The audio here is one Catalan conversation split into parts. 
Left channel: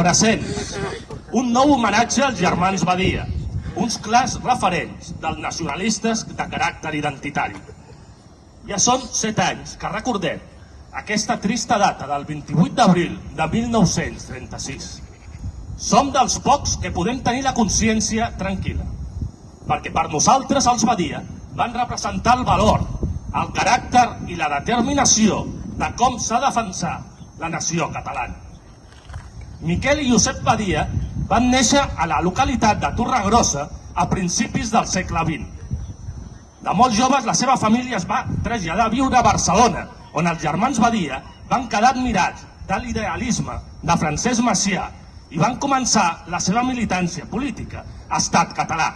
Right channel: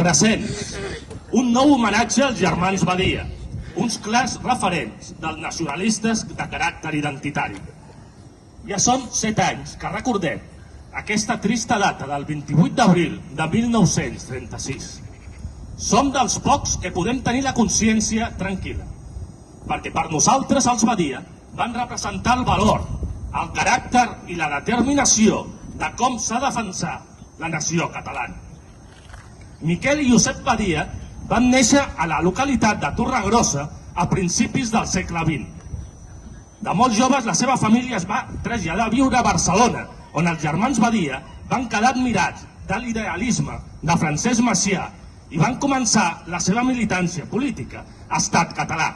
Present, un nou homenatge als germans Badia, uns clars referents dels nacionalistes de caràcter identitari. Ja són 7 anys que recordem aquesta trista data del 28 d'abril de 1936. Som dels pocs que podem tenir la consciència tranquil·la, perquè per nosaltres els Badia van representar el valor, el caràcter i la determinació de com s'ha de defensar la nació catalana. Miquel i Josep Badia van néixer a la localitat de Torregrossa a principis del segle XX. De molt joves, la seva família es va traslladar a viure a Barcelona, on els germans Badia van quedar admirats de l'idealisme de Francesc Macià i van començar la seva militància política a Estat Català.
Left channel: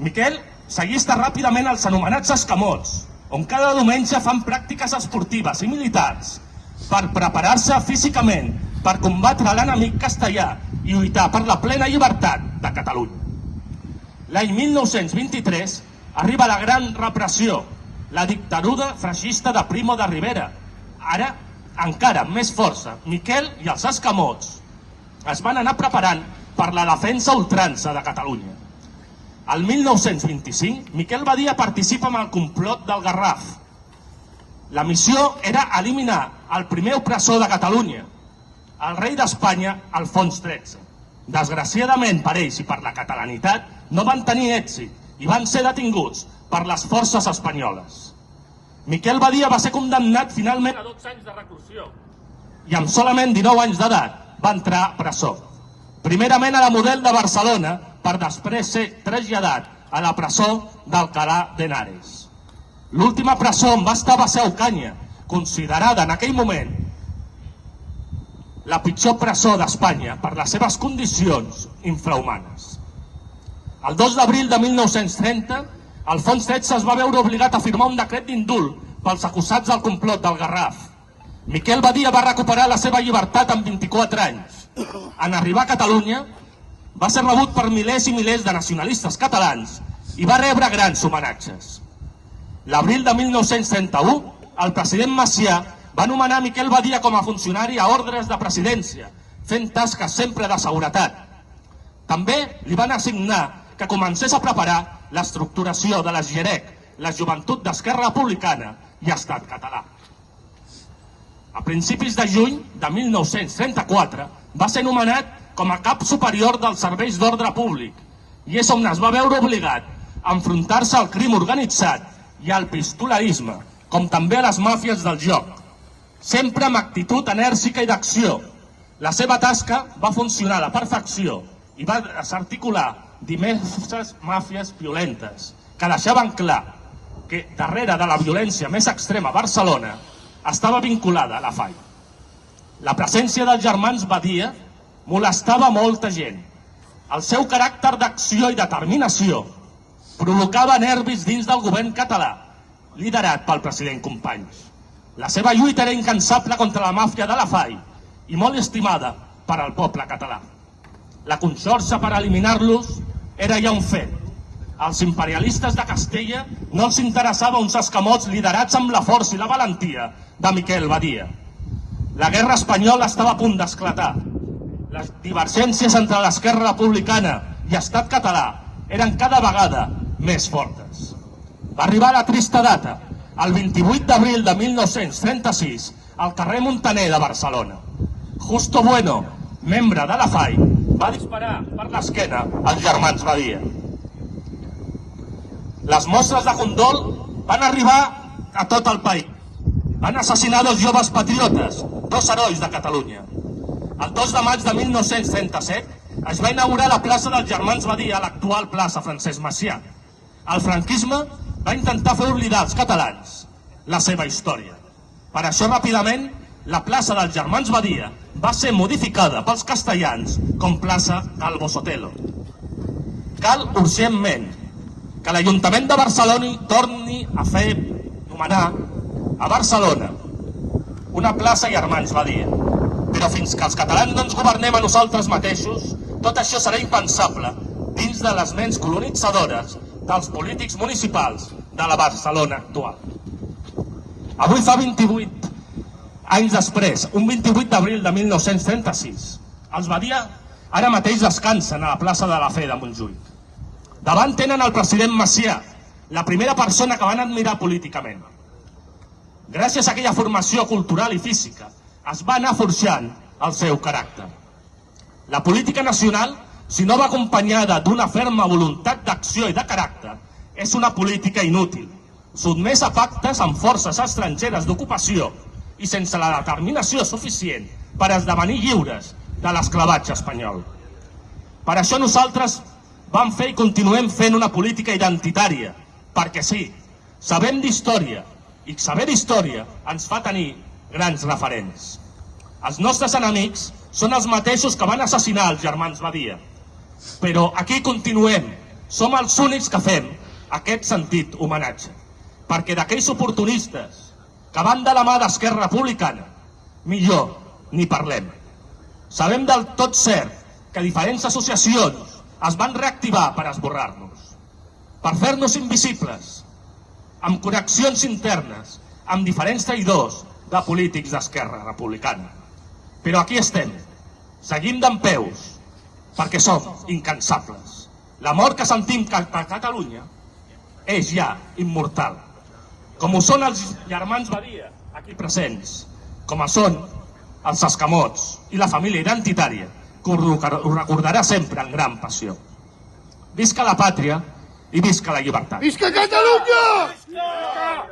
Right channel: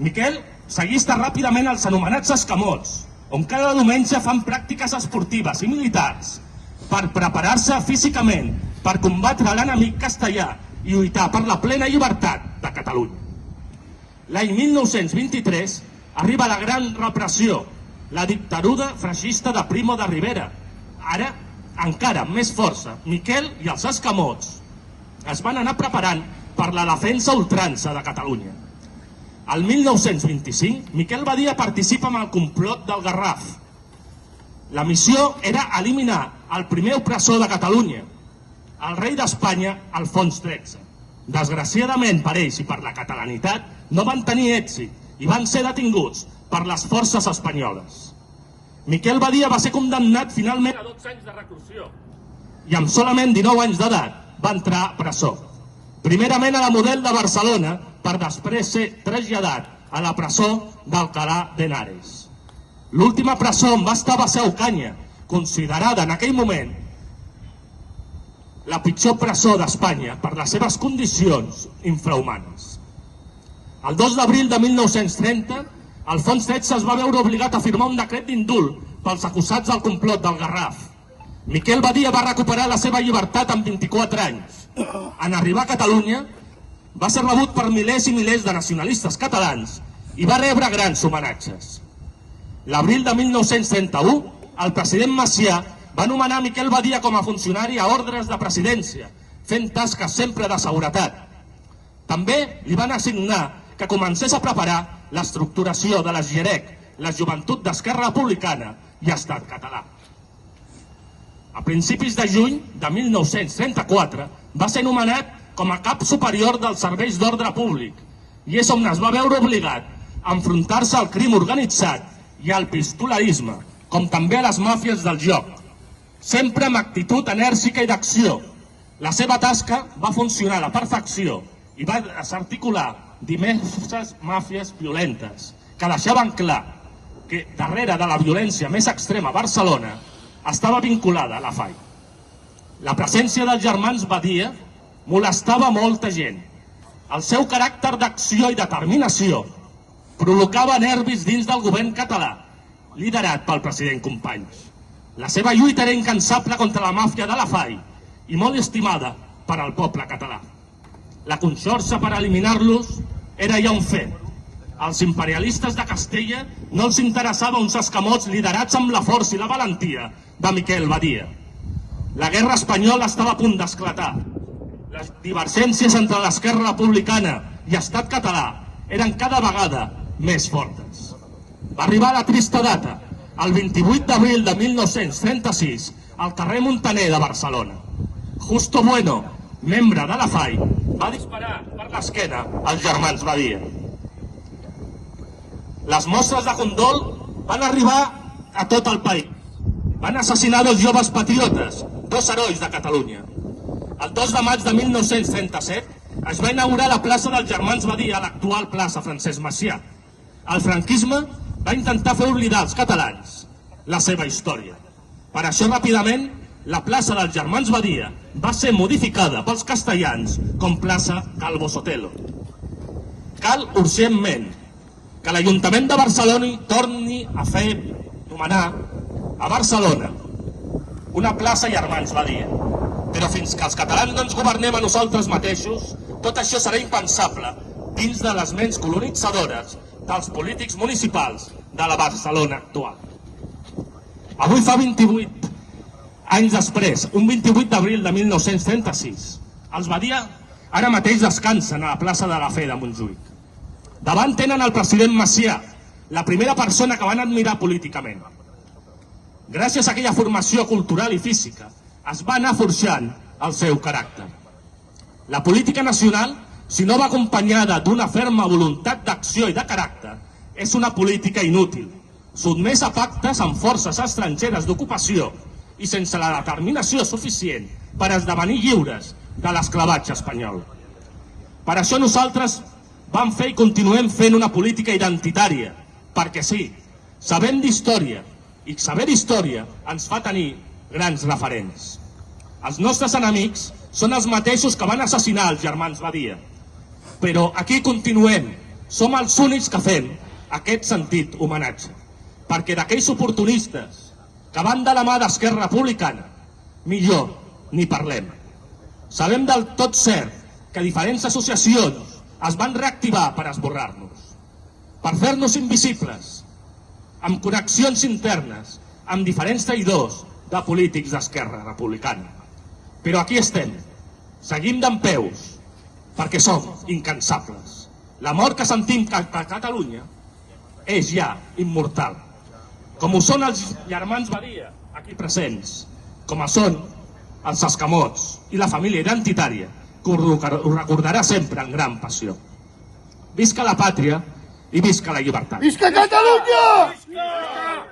Miquel s'allista ràpidament als anomenats escamots, on cada diumenge fan pràctiques esportives i militars per preparar-se físicament per combatre l'enemic castellà i lluitar per la plena llibertat de Catalunya. L'any 1923 arriba la gran repressió, la dictadura feixista de Primo de Rivera. Ara, encara amb més força, Miquel i els escamots es van anar preparant per la defensa a ultrança de Catalunya. El 1925, Miquel Badia participa en el complot del Garraf. La missió era eliminar el primer opressor de Catalunya, el rei d'Espanya, Alfons XIII. Desgraciadament per ells i per la catalanitat no van tenir èxit i van ser detinguts per les forces espanyoles. Miquel Badia va ser condemnat finalment a 12 anys de reclusió i amb solament 19 anys d'edat va entrar a presó. Primerament a la Model de Barcelona, per després ser traslladat a la presó d'Alcalá de Henares. L'última presó on va estar va ser a Ocanya, considerada en aquell moment la pitjor presó d'Espanya per les seves condicions infrahumanes. El 2 d'abril de 1930, Alfons XIII es va veure obligat a firmar un decret d'indult pels acusats del complot del Garraf. Miquel Badia va recuperar la seva llibertat amb 24 anys. En arribar a Catalunya, va ser rebut per milers i milers de nacionalistes catalans i va rebre grans homenatges. L'abril de 1931, el president Macià va nomenar Miquel Badia com a funcionari a ordres de presidència, fent tasques sempre de seguretat. També li van assignar que comencés a preparar l'estructuració de la GIREC, la Joventut d'Esquerra Republicana i Estat Català. A principis de juny de 1934 va ser nomenat com a cap superior dels serveis d'ordre públic i és on es va veure obligat a enfrontar-se al crim organitzat i al pistolerisme, com també a les màfies del joc, sempre amb actitud enèrgica i d'acció. La seva tasca va funcionar a la perfecció i va desarticular diverses màfies violentes que deixaven clar que darrere de la violència més extrema a Barcelona estava vinculada a la FAI. La presència dels germans Badia molestava molta gent. El seu caràcter d'acció i determinació provocava nervis dins del govern català, liderat pel president Companys. La seva lluita era incansable contra la màfia de la FAI i molt estimada per al poble català. La conxorxa per eliminar-los era ja un fet. Als imperialistes de Castella no els interessava uns escamots liderats amb la força i la valentia de Miquel Badia. La guerra espanyola estava a punt d'esclatar. Les divergències entre l'esquerra republicana i Estat Català eren cada vegada més fortes. Va arribar la trista data, el 28 d'abril de 1936, al carrer Muntaner de Barcelona. Justo Bueno, membre de la FAI, va disparar per l'esquena als germans Badia. Les mostres de condol van arribar a tot el país. Van assassinar 2 joves patriotes, 2 herois de Catalunya. El 2 de maig de 1937 es va inaugurar la plaça dels germans Badia a l'actual plaça Francesc Macià. El franquisme va intentar fer oblidar als catalans la seva història. Per això, ràpidament, la plaça dels germans Badia va ser modificada pels castellans com plaça Calvo Sotelo. Cal urgentment que l'Ajuntament de Barcelona torni a fer nomenar a Barcelona una plaça germans Badia. Però fins que els catalans no ens governem a nosaltres mateixos, tot això serà impensable dins de les ments colonitzadores dels polítics municipals de la Barcelona actual. Avui fa 28 anys després, un 28 d'abril de 1936. Els Badia ara mateix descansen a la plaça de la Fe de Montjuïc. Davant tenen el president Macià, la primera persona que van admirar políticament. Gràcies a aquella formació cultural i física, es va anar forjant el seu caràcter. La política nacional, si no va acompanyada d'una ferma voluntat d'acció i de caràcter, és una política inútil, sotmesa a pactes amb forces estrangeres d'ocupació i sense la determinació suficient per esdevenir lliures de l'esclavatge espanyol. Per això nosaltres vam fer i continuem fent una política identitària, perquè sí, sabem d'història, i saber d'història ens fa tenir grans referents. Els nostres enemics són els mateixos que van assassinar els germans Badia, però aquí continuem, som els únics que fem aquest sentit homenatge, perquè d'aquells oportunistes que van de la mà d'Esquerra Republicana, millor ni parlem. Sabem del tot cert que diferents associacions es van reactivar per esborrar-nos, per fer-nos invisibles, amb connexions internes, amb diferents traïdors de polítics d'Esquerra Republicana. Però aquí estem, seguim dempeus, perquè som incansables. La mort que sentim cap a Catalunya és ja immortal, com ho són els germans Badia, aquí presents, com ho són els escamots i la família identitària, que ho recordarà sempre amb gran passió. Visca la pàtria i visca la llibertat. Visca Catalunya!